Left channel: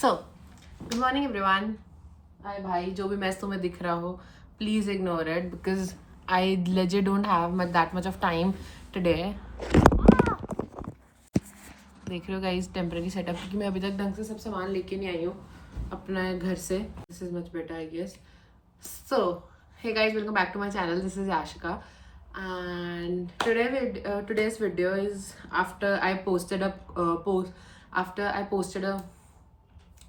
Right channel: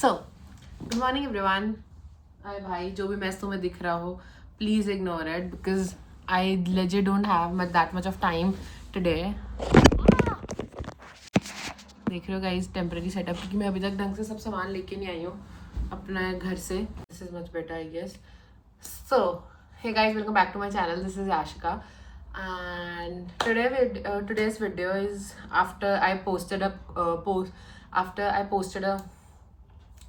सो good morning everyone. Hi भाई, जो भी मैस तुम्हें दिख रहा हो please ignore it because I legit don't have that much of time today. देख रहे हो गाइस टेम्पररी सेटअप, क्योंकि मैं अभी तक ढंग से सब सामान लेके नहीं आई हूँ अपना घर से। This is much better I guess. So hey guys, welcome back to my channel. This is Ashika, and today's video is after I posted a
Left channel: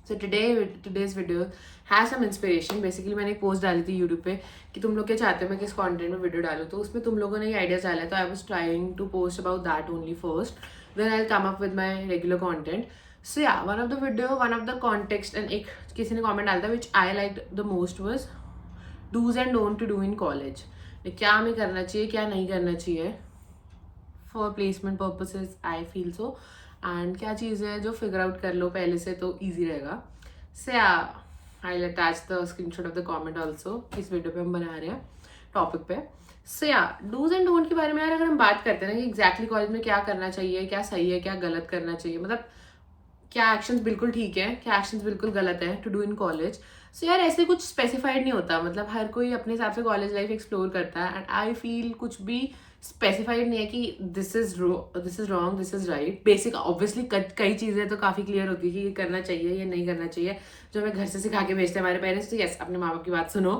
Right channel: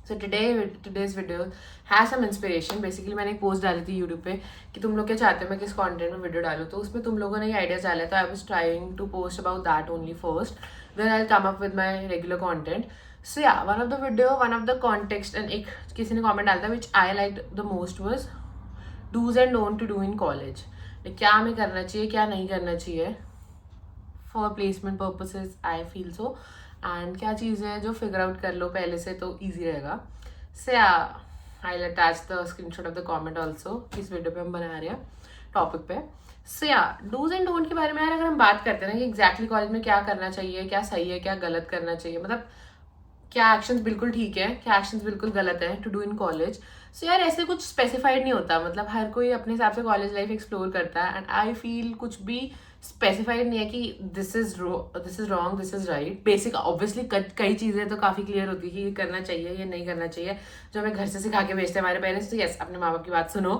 so today's video has some inspiration. Basically मैंने एक post डाली थी YouTube पे कि तुम लोग क्या चाहते हो मैं किस कंटेंट में वीडियो डालूँ, तो उसमें तुम लोगों ने ये आइडियाज डाला है, तो I was trying to post about that only first, then I will come up with my regular content. So या one of the context and एक किसी ने कमेंट डाला था which I like the most was dos and don't to do in college. क्या हमें करना चाहिए, क्या नहीं करना चाहिए for placement purposes. I feel so. And क्या चीज़ें हैं जो फिगर आउट कर लो पहले से तो ईजी रहेगा. से I will attach the screenshot of the comment also. इस वीडियो पे हम बना रहे हैं टॉपिक पे. सो या डूज एंड डोंट के बारे में यार अगर हम बात करते हैं ना कि एग्जैक्टली कॉलेज में क्या करना चाहिए, क्या सही है, क्या गलत करना चाहिए, मतलब क्या एक्शंस बिल्कुल ठीक है, क्या एक्शंस बिल्कुल गलत है टू डू इन कॉलेज. सो यार ऐसे कुछ स्पेसिफाइड नहीं होता, मतलब हर कोई अपने हिसाब से कॉलेज लाइफ एक्सप्लोर करता है. एंड आई फील कुछ भी स्पेसिफाइड नहीं है कि this is wrong this is right. Basic obviously कई चीज़ें तो काफ़ी क्लियर होती है कि ये करना चाहिए ये नहीं करना चाहिए, जो हमें घर से सिखा के भेजते हैं हमारे पेरेंट्स. तो यस, अपने माँ बाप की बात सुनो.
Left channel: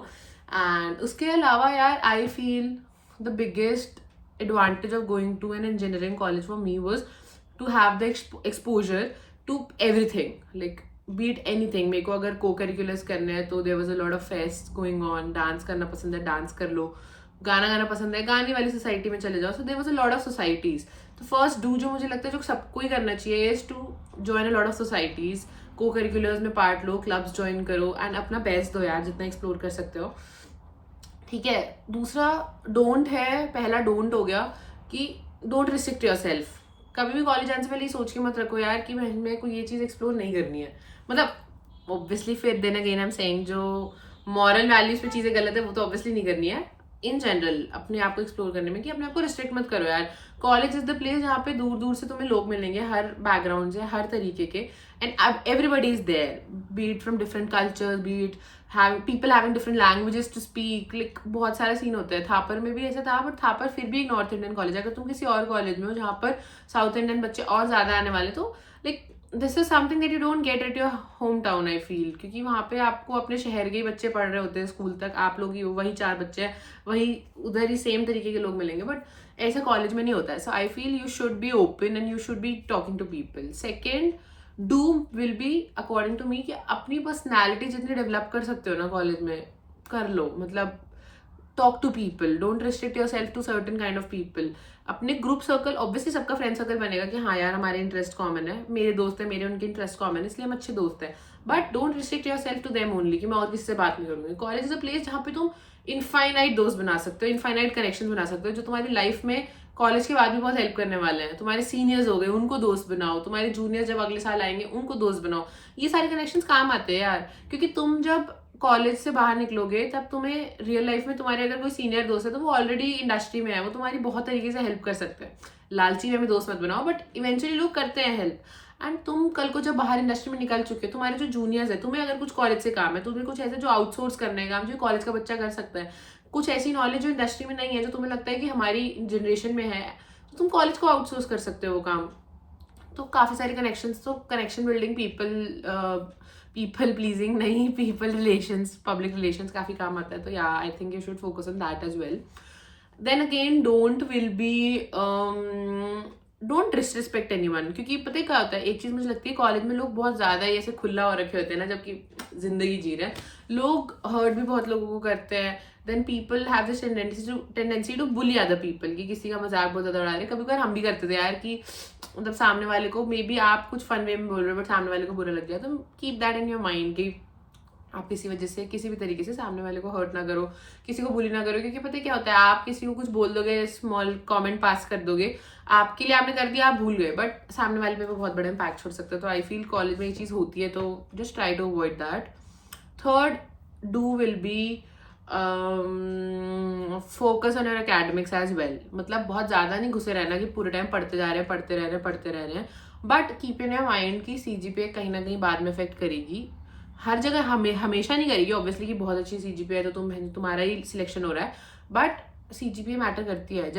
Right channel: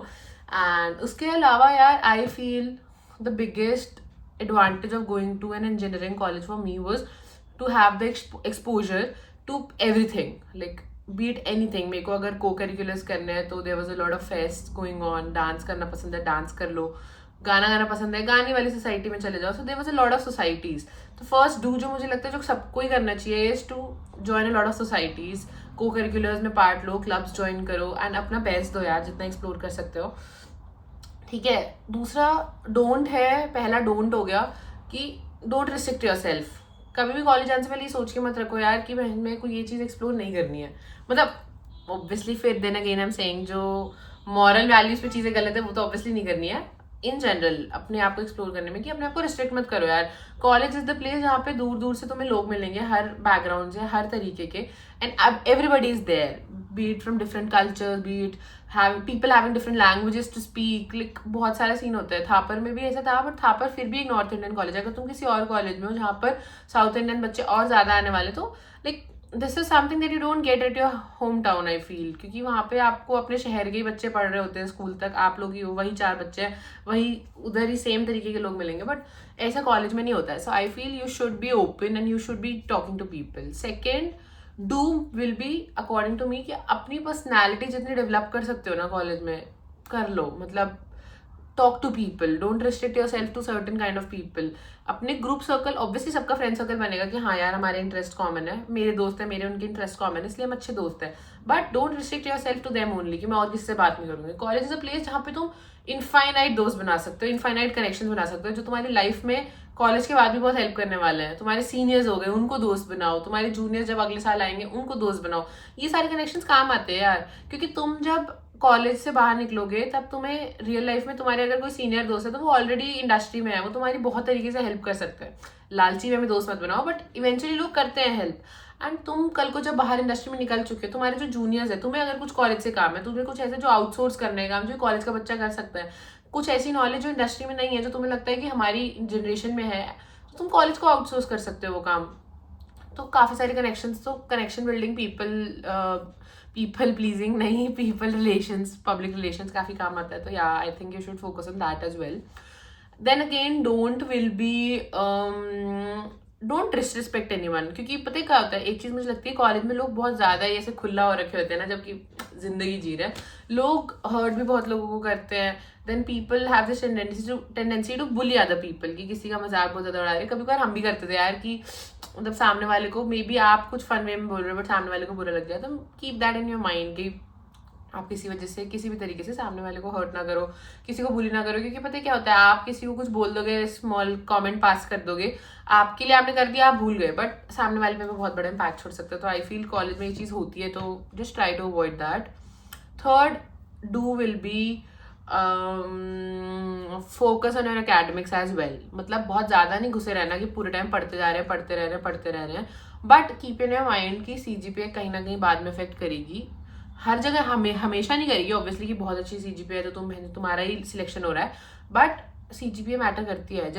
एंड उसके अलावा यार I feel the biggest advantage of going to an engineering college for me was to have the exposure to everything, like beat anything. मेरे को अगर को करिकुलर्स करने हैं तो there was a lot of fest going on. Dance करना पसंद है, dance कर लो. गाना गाना पसंद है, गाने वाली सोसाइटी में चले जाओ. So there was a lot of societies. तो फर्स्ट डू जो मुझे लगता है जो सबको ही करना चाहिए is to join a lot of societies. Co-curriculars में पार्ट लो, क्लब्स ज्वाइन करो एंड अपना बेस्ट दो यार, जितना एक्सप्लोर कर सकते हो. ठीक है. दूसरा डोंट है, पहला डोंट हो गया कि डोंट रिस्ट्रिक्ट योर सेल्फ. कभी भी कॉलेज आने से पहले ये सोच के मत रखो यार कि मेरे को ये चीज़ एक्सप्लोर नहीं करनी है. मतलब ऑब्वियसली फिर then again I am saying जो मॉरल वैल्यूज पे चीज़ें गलत है वो तो ऑब्वियसली नहीं करनी है. इन जनरल अपने आप को एक्सप्लोर करने में कि अपने आप को रिस्ट्रिक्ट मत करो यार. कॉलेज इज द प्लेस जहाँ पे दूर दूर से तुम्हें लोग मिलेंगे, हर बैकग्राउंड से, हर तरीके के. And everybody is there, be it from different cultures, be it people having different languages to speak. Like बहुत सारे सीन होते हैं. थापर में भी ऐसा था, बट थापर फिर भी एक नॉर्थ इंडियन कॉलेज है. अगर तुम किसी और कॉलेज में हो जहाँ पर साउथ इंडियन बच्चे और ज़्यादा आने वाले, तो like this is something that you don't get at your home town I feel. क्योंकि वहाँ पे आपको अपने शहर के ही बच्चे पढ़ रहे होते हैं स्कूल तक, आप लोग ही वही 4 बच्चे हैं, वही उधर ही सेम तरीके के लोग मिलेंगे. बट ऐसा कॉलेज में नहीं होता है. So I feel you should be open and you should be talking to people. Second do will be according to me कि अपनी पर्सनैलिटी जितनी डेवलप कर सकते हो ना कॉलेज में कर लो. मतलब talk to people, don't restrict yourself to certain kind of people. अपने ग्रुप सर्कल, ऑब्वियसली सबका फ्रेंड सर्कल बनेगा कि हाँ यार हमारे इंटरेस्ट कॉमन है, मेरे दोस्त हैं, मेरे उनके इंटरेस्ट कॉमन है, इसलिए हम अच्छे दोस्त हैं. But don't restrict yourself to them only कि मैं और किसी से बात नहीं करूँगी. कॉलेज इज अ प्लेस जहाँ पे तुम इनफाइनाइट दोस्त बना सकते हो, इनफाइनाइट कनेक्शन बना सकते हो, जो तुम्हारी लाइफ में कॉलेज के बाद भी बहुत हेल्प करने वाले हैं. तुम्हारे सीनियर्स हो गए, उनको दोस्त बनाओ. तुम्हारे जूनियर्स जब अगले साल आएंगे उनको दोस्त बनाओ. ये सारे कनेक्शंस काम आते हैं यार, क्योंकि तुम जब कॉलेज से बाहर निकलोगे तब तुम्हें रियल लाइफ में तुम्हारे अगर कोई सीनियर दोस्त है तो वो ऑलरेडी इंडस्ट्री में है, वो तुम्हारी बहुत तरीके से हेल्प कर सकते हैं. लालची में दोस्त मत बनाओ, बट इवेंचुअली लोग करते हैं हेल्प. एंड तुम कल को जब बाहर इंडस्ट्री में निकल चुके हो, तुम्हारे जो जूनियर्स है, तुम्हें अगर कुछ कॉलेज से काम है, तुम्हें कुछ ऐसे जो आउटसोर्स करने का काम जो कॉलेज का बच्चा कर सकता है, कुछ ऐसी नॉलेज जो इंडस्ट्री में नहीं है, जो तुम्हें लगता है कि हमारी जनरेशन में है, तो तुम कॉलेज को आउटसोर्स कर सकते हो वो काम. तो काफ़ी सारे कनेक्शंस, तो कनेक्शन बिल्डिंग, पीपल प्लीजिंग नहीं, पीपल रिलेशंस, पब्लिक रिलेशंस काफ़ी काम आता है. तो yeah I think you should focus on that as well. Then again don't will be don't disrespect anyone. क्योंकि पता है क्या होता है, एक चीज़ मुझे लगती है कॉलेज में लोग बहुत ज़्यादा ही ऐसे खुला हो रखे होते हैं ना, जबकि जिंदगी जी रहे हैं. लोग हर्ट भी बहुत लोगों को करते हैं. Then people have this tendency to bully other people कि किसी का मजाक बहुत ज़्यादा उड़ा रहे हैं. कभी कभार हम भी करते थे यार कि मतलब सामने वाले को मे बी आप कुछ फन वे में बोल रहे हो बट सामने वाले को बुरा लग जाए. तो keep that in your mind कि आप किसी वजह से किसी भी तरीके से सामने वाले को हर्ट ना करो, किसी को बुली ना करो. क्योंकि पता है क्या होता है, आप किसी को कुछ बोल दोगे, स्मॉल कमेंट पास कर दोगे, आपके लिए आपने कर दिया, आप भूल गए, बट सामने वाले पे बहुत बड़ा इम्पैक्ट छोड़ सकते हो. तो आई फील कॉलेज में ये चीज़ होती है, तो just try to avoid that. Third do will be focus on your academics as well. मतलब बहुत ज़्यादा नहीं घुसे रहना कि पूरे टाइम पढ़ते जा रहे हैं, पढ़ते रह रहे हैं. But keep in your mind कि CGPA कहीं ना कहीं बाद में इफेक्ट करेगी, हर जगह हमेशा नहीं करेगी ऑब्वियसली कि बहुत अच्छी CGPA है तो तुम्हारा ही सिलेक्शन हो रहा है, बट CGPA मैटर करती है।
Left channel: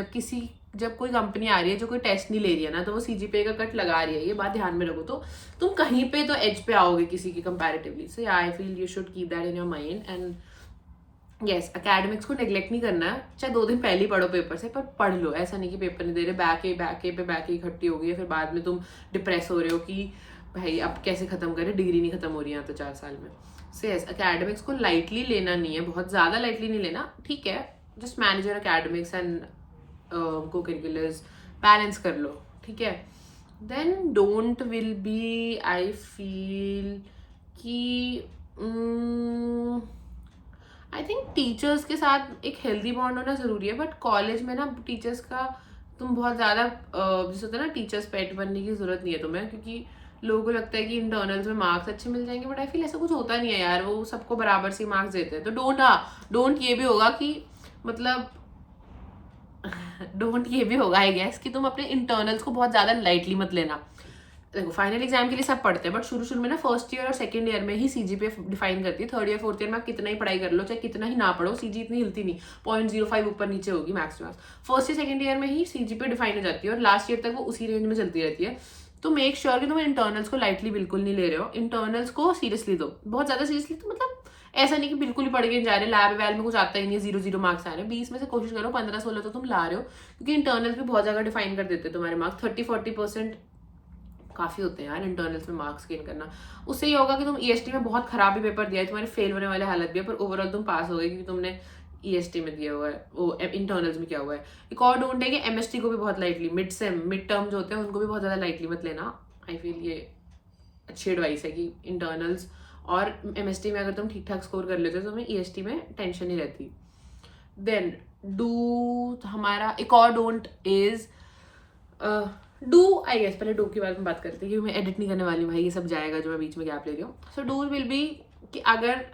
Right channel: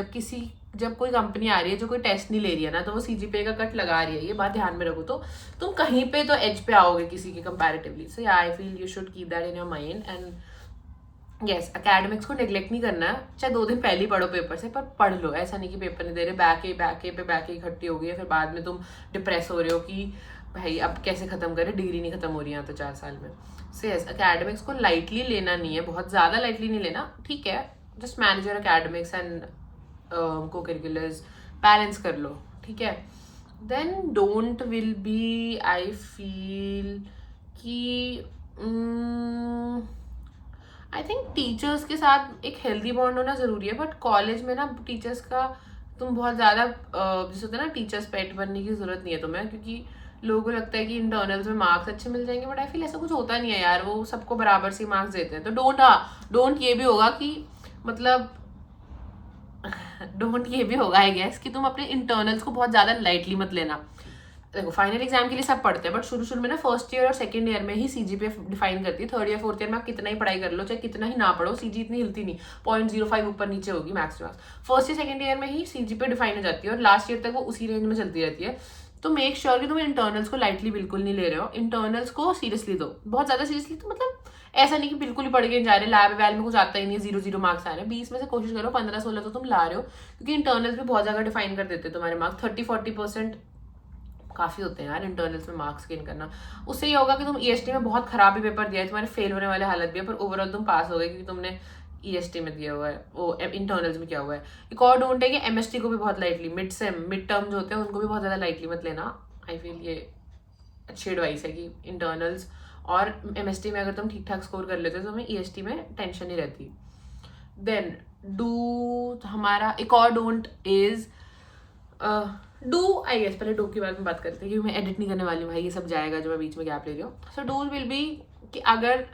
जब कोई कंपनी आ रही है जो कोई टेस्ट नहीं ले रही है ना, तो वो CGPA का कट लगा रही है, ये बात ध्यान में रखो, तो तुम कहीं पे तो एज पे आओगे किसी के comparatively. So I feel you should keep that in your mind. And yes, academics को नेग्लेक्ट नहीं करना है, चाहे 2 दिन पहले ही पढ़ो पेपर से, पर पढ़ लो। ऐसा नहीं कि पेपर नहीं दे रहे, बैक इकट्ठी हो गई है, फिर बाद में तुम डिप्रेस हो रहे हो कि भाई अब कैसे खत्म करें, डिग्री नहीं खत्म हो रही है तो 4 साल में। सो यस, एकेडमिक्स को लाइटली लेना नहीं है, बहुत ज़्यादा लाइटली नहीं लेना, ठीक है, just manage your academics and co-curriculars, balance कर लो, ठीक है। Then don't will be, I feel कि आई थिंक टीचर्स के साथ एक हेल्दी बॉन्ड होना ज़रूरी है, बट कॉलेज में ना टीचर्स का तुम बहुत ज़्यादा जैसे होता है ना टीचर्स पेट बनने की ज़रूरत नहीं है तुम्हें, क्योंकि लोगों को लगता है कि इंटरनल्स में मार्क्स अच्छे मिल जाएंगे, बट आई फील ऐसा कुछ होता नहीं है यार, वो सबको बराबर से मार्क्स देते हैं। तो डोंट ये भी होगा कि मतलब डोंट ये भी होगा आई गेस कि तुम अपने इंटरनल्स को बहुत ज़्यादा लाइटली मत लेना। देखो फाइनल एग्जाम के लिए सब पढ़ते हैं, बट शुरू में ना फर्स्ट ईयर और सेकंड ईयर में ही CGPA डिफाइन करती है। थर्ड ईयर फोर्थ ईयर में आप कितना ही पढ़ाई कर लो, चाहे कितना ही ना पढ़ो, CG इतनी हिलती नहीं, 0.05 ऊपर नीचे होगी max to max. First year second year में ही CGPA डिफाइन हो जाती है, और लास्ट ईयर तक वो उसी रेंज में चलती रहती है। तो मेक श्योर कि तुम इंटरनल्स को लाइटली बिल्कुल नहीं ले रहे हो, इंटरनल्स को सीरियसली दो, बहुत ज़्यादा सीरियसली। तो मतलब ऐसा नहीं कि बिल्कुल ही पढ़ के जा रहे, लैब वैल में कुछ आता ही नहीं है, 0 मार्क्स आ रहे हैं, 20 में से कोशिश करो 15-16 तो तुम ला रहे हो, क्योंकि इंटरनल्स भी बहुत जगह डिफाइन कर देते हैं तुम्हारे मार्क्स। 30-40% काफ़ी होते हैं यार इंटरनल्स में मार्क्स गेन करना। उससे ये होगा कि तुम EST में बहुत खराब भी पेपर दिया है, तुम्हारे फेल होने वाले हालत भी है, पर ओवरऑल तुम पास हो गए क्योंकि तुमने EST में दिया हुआ है, वो इंटरनल्स में क्या हुआ है। एक और डोंट है कि MST को भी बहुत लाइटली, मिड टर्म जो होते हैं उनको भी बहुत ज़्यादा लाइटली मत लेना। आई फील ये अच्छी एडवाइस है कि इंटरनल्स और MST में अगर तुम ठीक ठाक स्कोर कर लेते हो तो तुम्हें EST में टेंशन नहीं रहती। देन हमारा एक और डोंट इज आई गेस पहले डू के बारे में बात करते हैं, क्योंकि मैं एडिट नहीं करने वाली भाई, ये सब जाएगा जो मैं बीच में गैप ले रही हूँ। सो डू विल बी कि अगर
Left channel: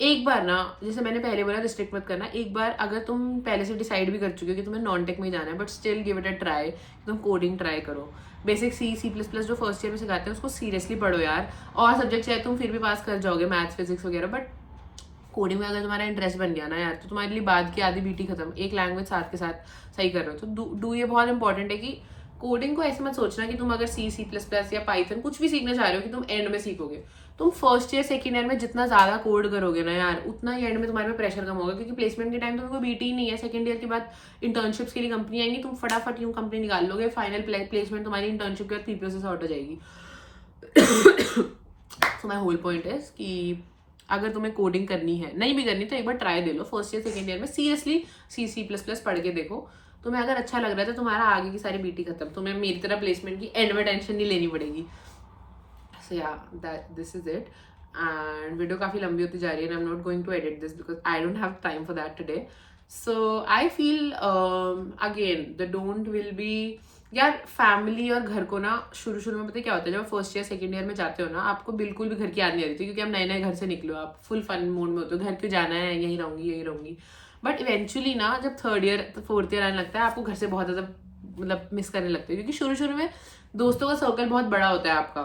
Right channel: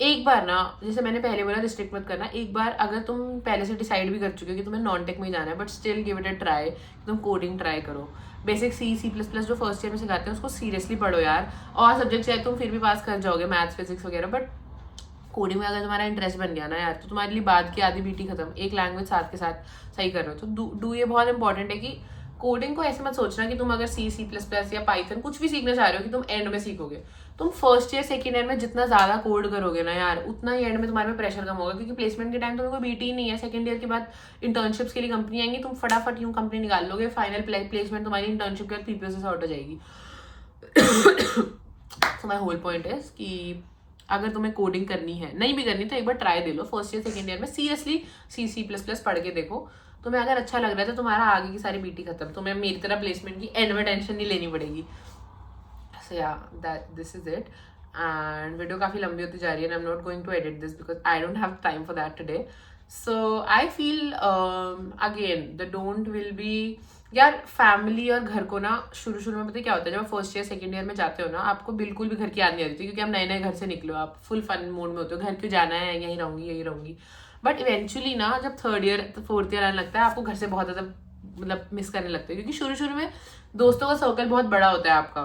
एक बार ना, जैसे मैंने पहले बोला रिस्ट्रिक्ट मत करना, एक बार अगर तुम पहले से डिसाइड भी कर चुके हो कि तुम्हें नॉन टेक में ही जाना है, but still give it a try, तुम कोडिंग ट्राई करो। बेसिक C++ जो फर्स्ट ईयर में सिखाते हैं उसको सीरियसली पढ़ो यार, और सब्जेक्ट चाहे तुम फिर भी पास कर जाओगे, मैथ्स फिजिक्स वगैरह, बट कोडिंग में अगर तुम्हारा इंटरेस्ट बन गया ना यार, तो तुम्हारे लिए बाद की आधी BT खत्म, एक लैंग्वेज साथ के साथ सही कर रहे हो। तो डू ये बहुत इंपॉर्टेंट है कि कोडिंग को ऐसे मत सोचना कि तुम अगर C++ या पाइथन कुछ भी सीखना चाह रहे हो कि तुम एंड में सीखोगे। तुम फर्स्ट ईयर सेकंड ईयर में जितना ज़्यादा कोड करोगे ना यार, उतना ही एंड में तुम्हारे में प्रेशर कम होगा, क्योंकि प्लेसमेंट के टाइम तुम्हें कोई BT नहीं है। सेकंड ईयर के बाद इंटर्नशिप्स के लिए कंपनी आएंगी, तुम फटाफट यूँ कंपनी निकाल लोगे, फाइनल प्लेसमेंट तुम्हारी इंटर्नशिप के बाद PPO से सॉर्ट हो जाएगी। सो माई होल पॉइंट है कि अगर तुम्हें कोडिंग करनी है, नहीं भी करनी तो एक बार ट्राई दे लो फर्स्ट ईयर सेकंड ईयर में, सीरियसली C++ पढ़ के देखो, तुम्हें अगर अच्छा लग रहा है तो तुम्हारा आगे की सारी BT खत्म, तुम्हें मेरी तरह प्लेसमेंट की एंड में टेंशन नहीं लेनी पड़ेगी। So yeah this is it, and video काफ़ी लंबी होती जा रही है, I am not going to edit this because I don't have time for that today. So I feel again the don't will be यार, फैमिली और घर को ना शुरू में पता है क्या होता है, जब आप फर्स्ट ईयर सेकंड ईयर में जाते हो ना, आपको बिल्कुल भी घर की याद नहीं आती थी, क्योंकि आप नए नए घर से निकलो, आप फुल फन मोड में होते हो, घर क्यों जाना है, यहीं रहूंगी। बट इवेंचुअली ना जब थर्ड ईयर फोर्थ ईयर आने लगता है, आपको घर से बहुत ज़्यादा मतलब मिस करने लगते हैं, क्योंकि शुरू में दोस्तों का सर्कल बहुत बड़ा होता है आपका,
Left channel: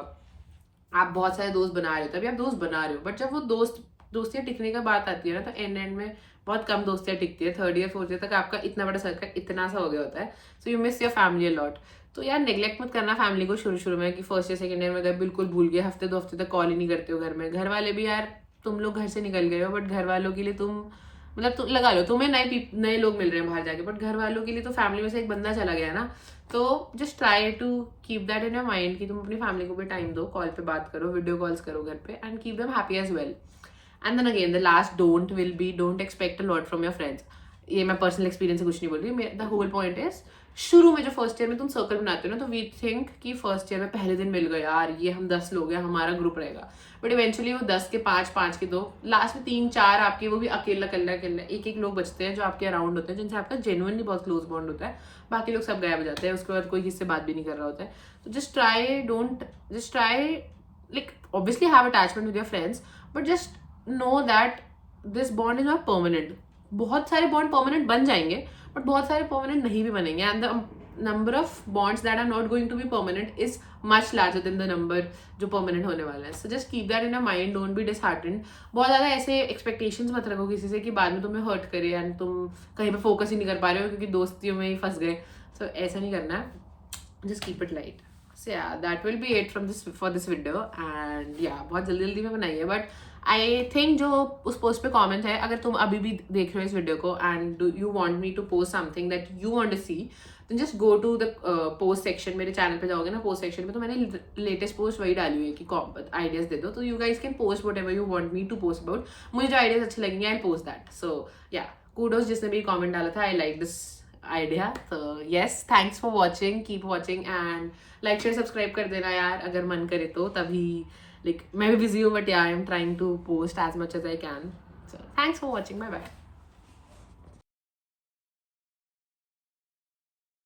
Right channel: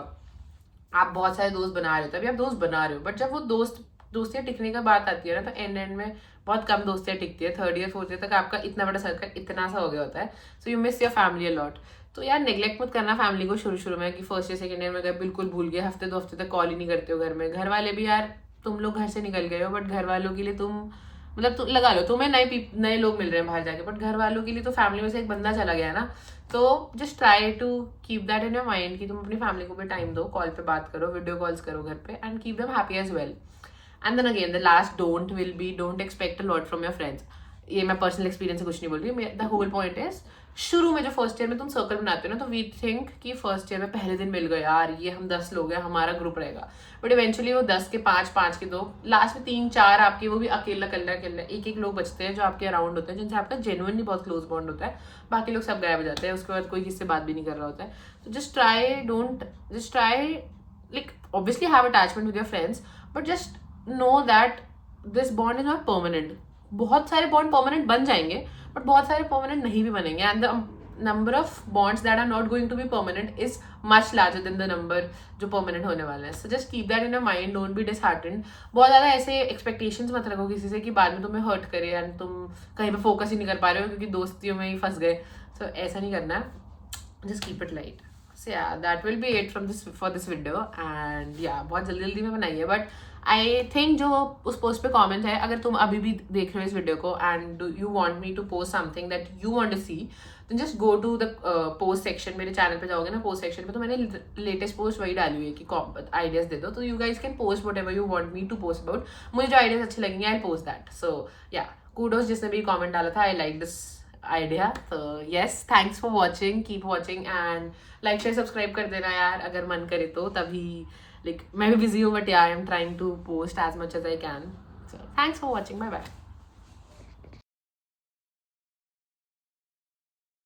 आप बहुत सारे दोस्त बना रहे हो, तभी आप दोस्त बना रहे हो, बट जब वो दोस्तियाँ टिकने का बात आती है ना, तो एंड में बहुत कम दोस्तियाँ टिकती है। थर्ड ईयर फोर्थ ईयर तक आपका इतना बड़ा सर्कल इतना सा हो गया होता है, so you miss your family a lot. तो यार नेग्लेक्ट मत करना फैमिली को शुरू में, कि फर्स्ट ईयर सेकंड ईयर में गए बिल्कुल भूल गए, हफ्ते 2 हफ्ते तक कॉल ही नहीं करते हो घर में। घर वाले भी यार, तुम लोग घर से निकल गए हो, बट घर वालों के लिए तुम मतलब तुम लगा लो, तुम्हें नए लोग मिल रहे हैं बाहर जाके, बट घर वालों के लिए तो फैमिली में से एक बंदा चला गया ना। तो just try to keep that in your mind कि तुम अपनी फैमिली को भी टाइम दो, कॉल पे बात करो, वीडियो कॉल्स करो घर पे, and keep them happy as well. And then again the last don't will be don't expect a lot from your friends. ये मैं पर्सनल एक्सपीरियंस से कुछ नहीं बोल रही, द होल पॉइंट इज शुरू में जो फर्स्ट ईयर में तुम सर्कल बनाते हो ना, तो वी थिंक कि फर्स्ट ईयर में पहले दिन मिल गए यार, ये हम 10 लोग हैं, हमारा ग्रुप रहेगा, बट इवेंचुअली वो 10 के 5 के 2, लास्ट में 3-4 आपके, वो भी अकेला एक लोग बचते हैं जो आपके अराउंड होते हैं, जिनसे आपका जेन्युइनली बहुत क्लोज बॉन्ड होता है, बाकी लोग सब गायब हो जाते हैं, उसके बाद कोई किससे बात भी नहीं कर रहा होता है। तो just try like obviously have attachment with your friends, but just know that this bond is not permanent. बहुत सारे बॉन्ड परमानेंट बन जाएंगे, बट बहुत सारे परमानेंट नहीं भी बनेंगे, and number of bonds that are not going to be permanent is much larger than the number जो permanent होने वाला है. So just keep that in your mind, don't be disheartened. बहुत ज़्यादा ऐसे expectations मत रखो किसी से कि बाद में तुम्हें hurt करे and तुम कहीं पे focus ही नहीं कर पा रहे हो क्योंकि दोस्तियों में ही फंस गए. So ऐसा नहीं करना है. Just keep it light. So yeah, that will be it for this video. And yeah, बहुत जल्दी में बनाई है, but I think जो उस पोस्ट पे कमेंट है, अगर तुम अभी भी देख रहे हो इस वीडियो को and you want me to post something that you want to see, then just go to the post section. मेरे चैनल पे जाओगे ना, पोस्ट सेक्शन में तो मैंने लेटेस्ट पोस्ट वही डाली हुई है कि आइडियाज दे दो, तो you guys can post whatever you want me to post about. मुझे जो आइडियाज अच्छे लगेंगे आई पोस्ट दैट. सो या, कूडोज जिसने भी कॉमेंट डाला था, आई लाइक दिस आइडिया. तो yes, thanks for watching, keep watching and like share subscribe कर देना यार अगर मन करे तो. तभी मैं भी बिजी हूँ, but yeah, I am trying to post as much as I can. So thanks for watching. Bye bye.